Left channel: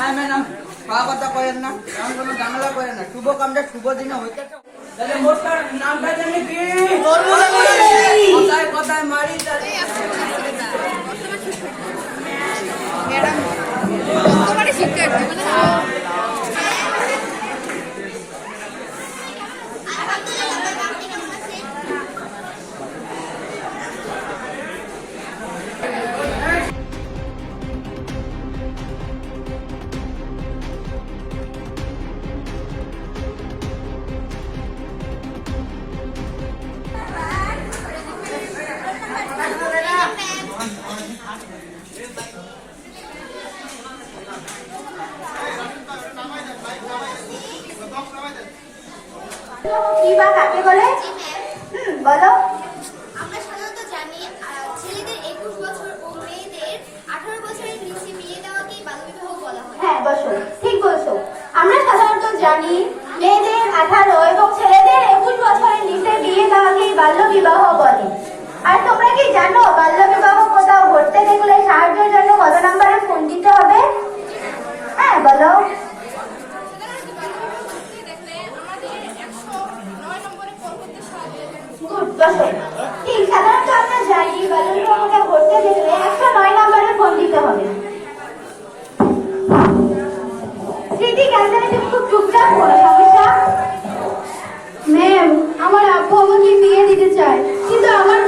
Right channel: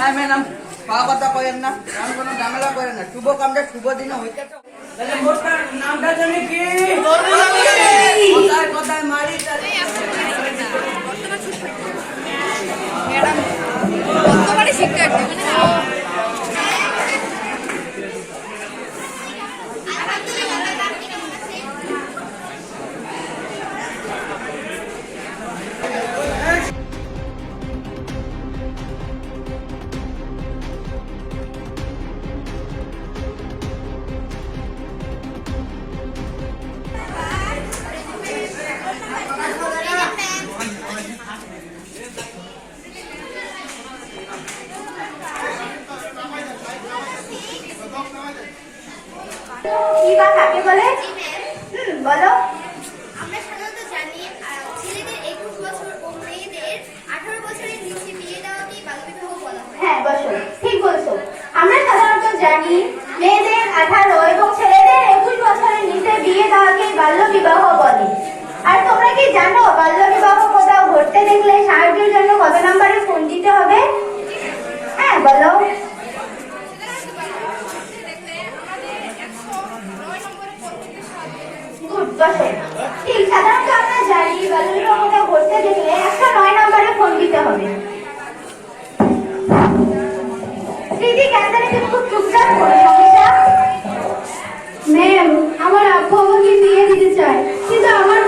হ্যাঁ ম্যাডাম খাওয়া কথা করেন না এমন কোনো ঝামেলা করেন না। শুভ কামটা শুভ দিনে হইতে নামটা জানি কি? কথায় কথায়? মারি শিক্ষার্থী মানে কি বা কাকে বলে? হুম বলো। আমরা সাধারণত জানি ছেলেদের একুশ বছর ও মেয়েদের আঠারো বছরের নিচে বিয়ে দেওয়াকে বাল্যবিবাহ বলা হয়। হ্যাঁ বসো। ঠিক বলছো। আমরা সাধারণত জানি মেয়েদের আঠারো এবং ছেলেদের একুশ বছরের নিচে বিয়ে দেওয়াকে বাল্য বিবাহ বলে। আর তোমরা কি জানো বাল্য বিবাহ কোথাও ঘটতে দেখলে সাহায্যের জন্য কত নম্বরে ফোন দিতে হবে? হ্যাঁ বলো সাধারণত বাল্যবিবাহ ঘটতে দেখলে আমাদের একশো নয় নম্বরে ফোন করতে সাহায্য ফোন দিতে হবে। স্মৃতি তুমি খুব চুপচাপ কোনো সমস্যা ম্যাম, আমার আব্বু আমাকে বিয়ে দিতে চায়, কিন্তু আমার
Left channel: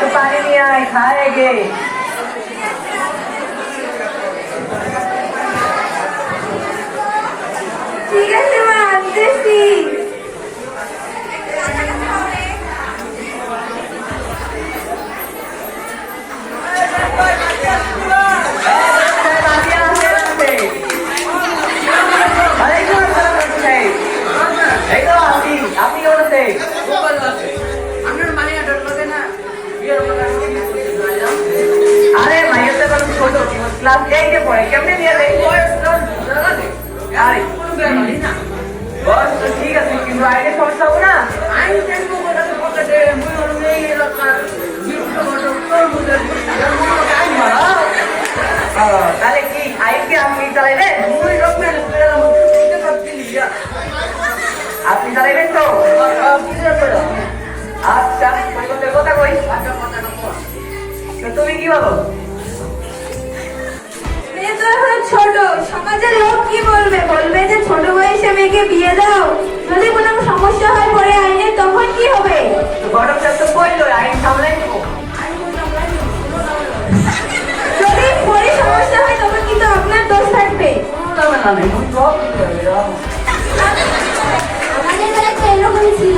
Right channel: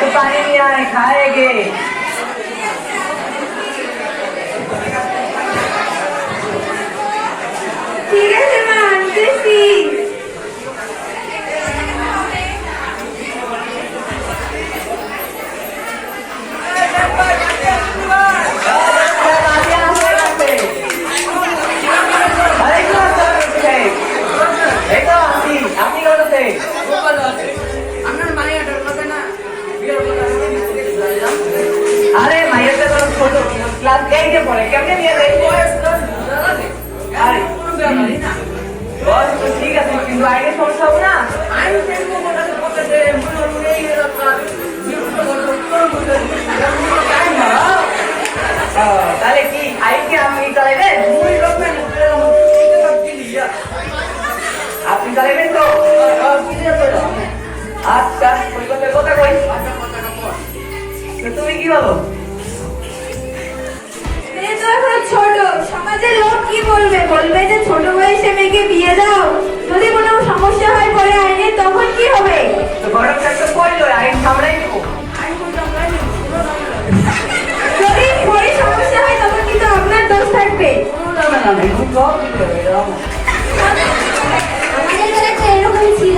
तो पानी नहीं आ रहा है खाएंगे ক্লাস এইটে পড়ে কেমনে নিয়ে দেয় বয়স আরে কোনো ব্যাপারই না বস তো ঠিক আছে কিন্তু আগে সমস্যা হবে না আইন কেন্দ্র কোথাতে উত্তর বুঝে আইন ভালো ও, তাহলে কি আইনকে আপনি চালাইবেন মুই রকমের আপনি চালাইবেন তো আচ্ছা কথা কই তুমি কি বলো সমাজের লোক কি বলবে? বলবে যে ছোট বয়সে মেয়েকে বিয়ে দাও। যদি কোনো সমস্যা হয় পরে আইনে তখন কি হবে? আইন সামলাই যদি পরে সমস্যা হয় তখন কিন্তু আপনার দোষ থাকবে। আমাদের বেলা তো ছিল।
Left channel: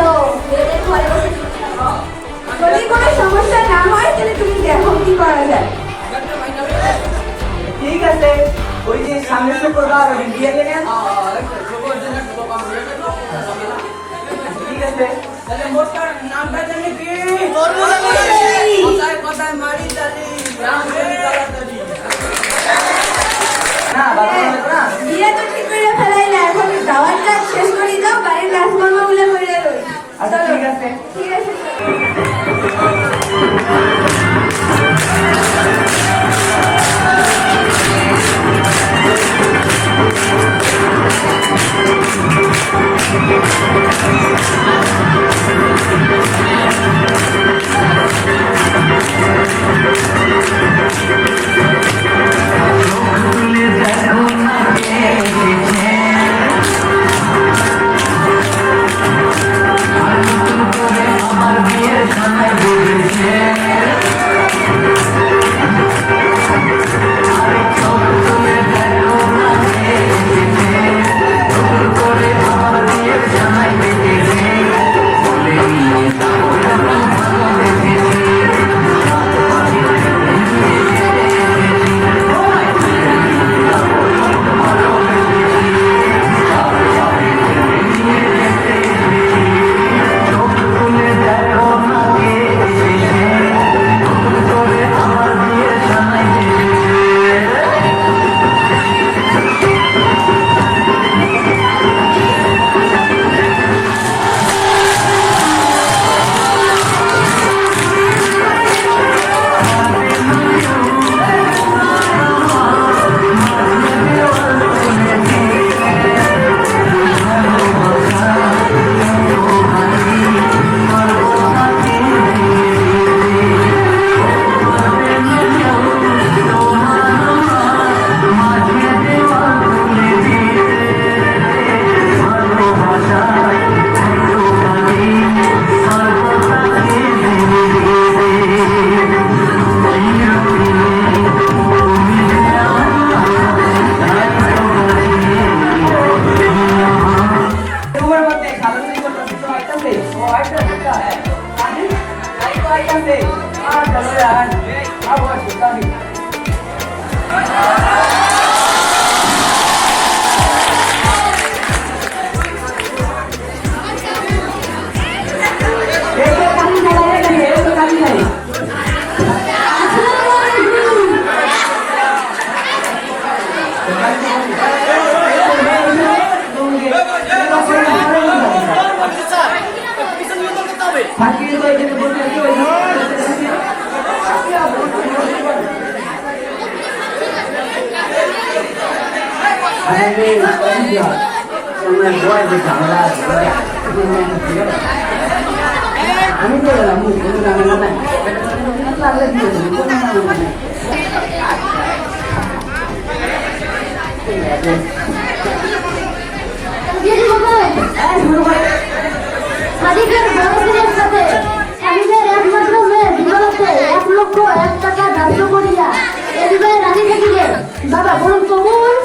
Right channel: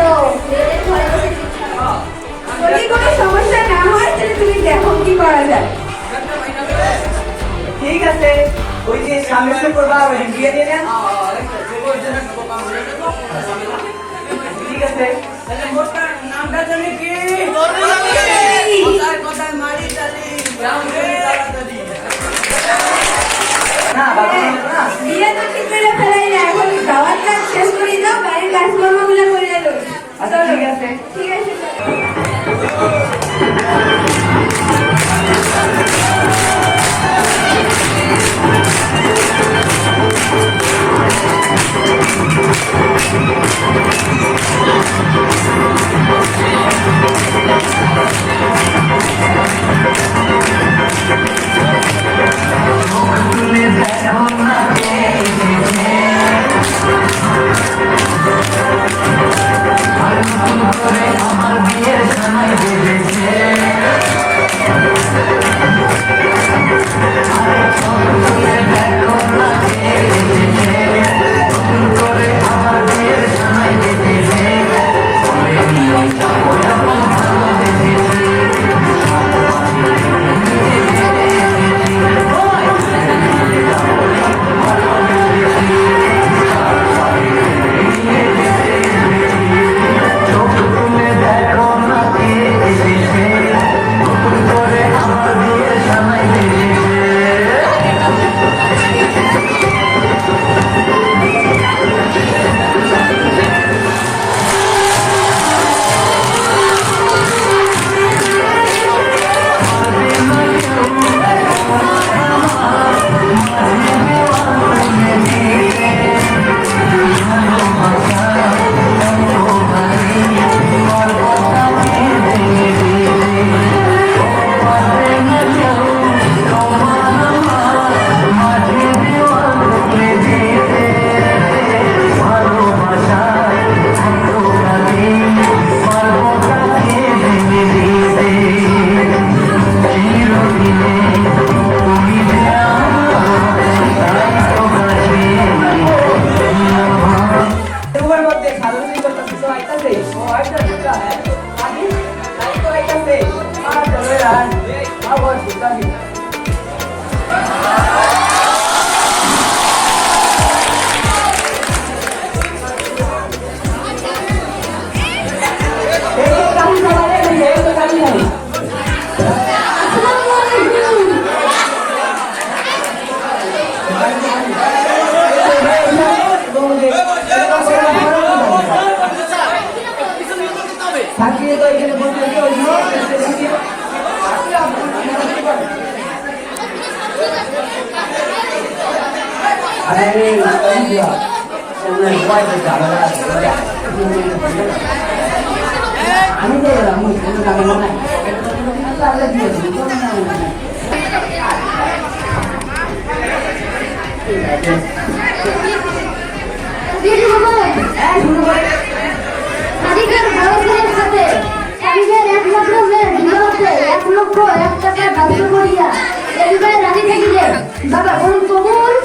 যদি কোনো সমস্যা না হয় তাহলে তুমি দেখো কি করা যায়। ঠিক আছে। ওই যে সামনের শুক্রবার ওই বিয়ে দিয়ে ঠিক আছে। তাহলে নামটা জানি কি? কথায় কথায় মারি তাড়াতাড়ি না বাবা না। বিয়ে তো ঠিক করে ফেলাই না এখন দাওয়াত কাজ শেষ করে দাও বাড়ির কাজকর্মগুলো করে এলো। আচ্ছা ঠিক আছে। মধ্যে সাধারণ আমি তো আমি কোনো ঝামেলা নাই পারলে দিয়েছি কোনো ঝামেলা নাই বিয়ে করবেন সাদিকের বড় ছেলের সাথে সাদিকের একমাত্র মেয়ে বিবাহতে এক লক্ষ এক টাকা ধার্য করিয়া এ বিবাহে রাজি থাকিলে বাবা বলুন কবুল আবার বলুন কবুল এই বিয়ে করতে বলুন এটা তো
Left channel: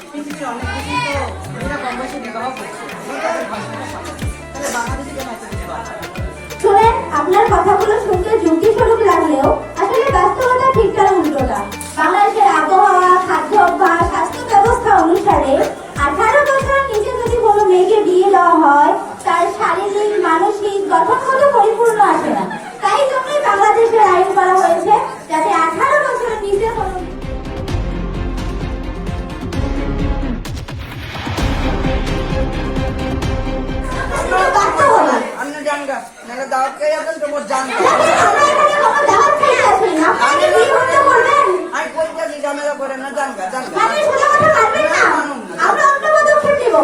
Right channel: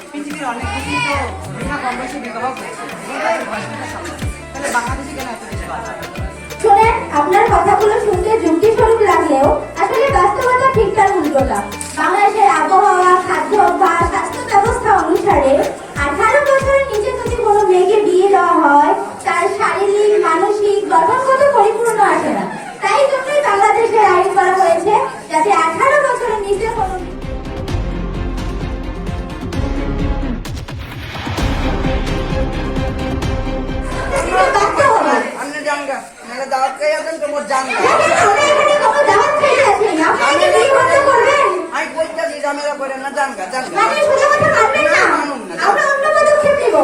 পৃথিবীর আপনার কথাগুলো শুনতে যুক্তি স্বরূপ লাগলেও আসলে বাস্তবতা ঠিক তার উল্টোটা। বাংলাদেশের আবহাওয়া খাদ্য অভ্যাস স্বাস্থ্য ব্যবস্থা অনুসারে আঠারো বছর নিচে বলবেন? আমি ঝামেলা করে না জানগা জানগা? মানুন না।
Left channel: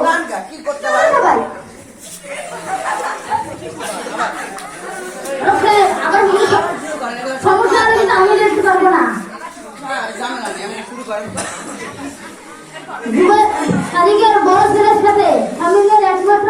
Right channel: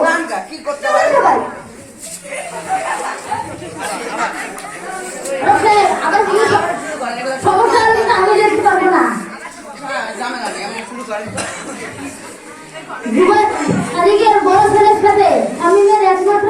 জানগা কি করতে পারে আমি। হ্যাঁ, একমাত্র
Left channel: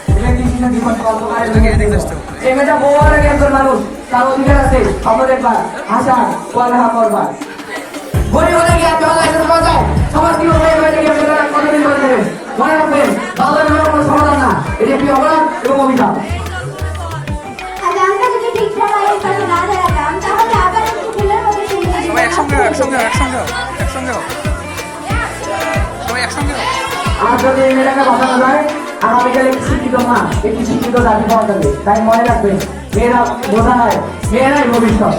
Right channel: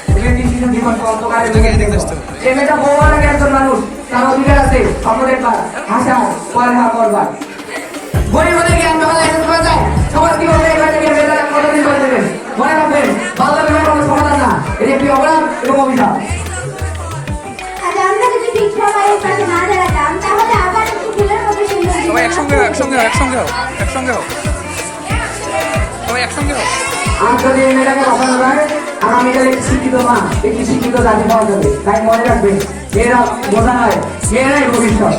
এই মেয়েটা বউ অনেক একজন মানুষ তার অধিকার আছে খবর দেখবার ভাষা পড়ালেখা করবার গরিব হলে কি আপনার লাইসেন্স করা যায় সবার কি হবে এবার থেকে মেয়েরা কতদিন করে দেবেন মনে রাখবেন কোনো সমাধান না এটি একটি অপরাধ এবং অভিশাপ একসঙ্গে একসঙ্গে একসঙ্গে। একসঙ্গে একসঙ্গে। আর যদি মেয়েটাকে বাঁচানো যায় আগামীকাল একটি শিক্ষিত মা, একটি শিক্ষিত জাতি পাওয়া যাবে। তাই মনে রাখবেন মেয়েরা বোঝা হয়, মেয়েরাই ভবিষ্যৎ।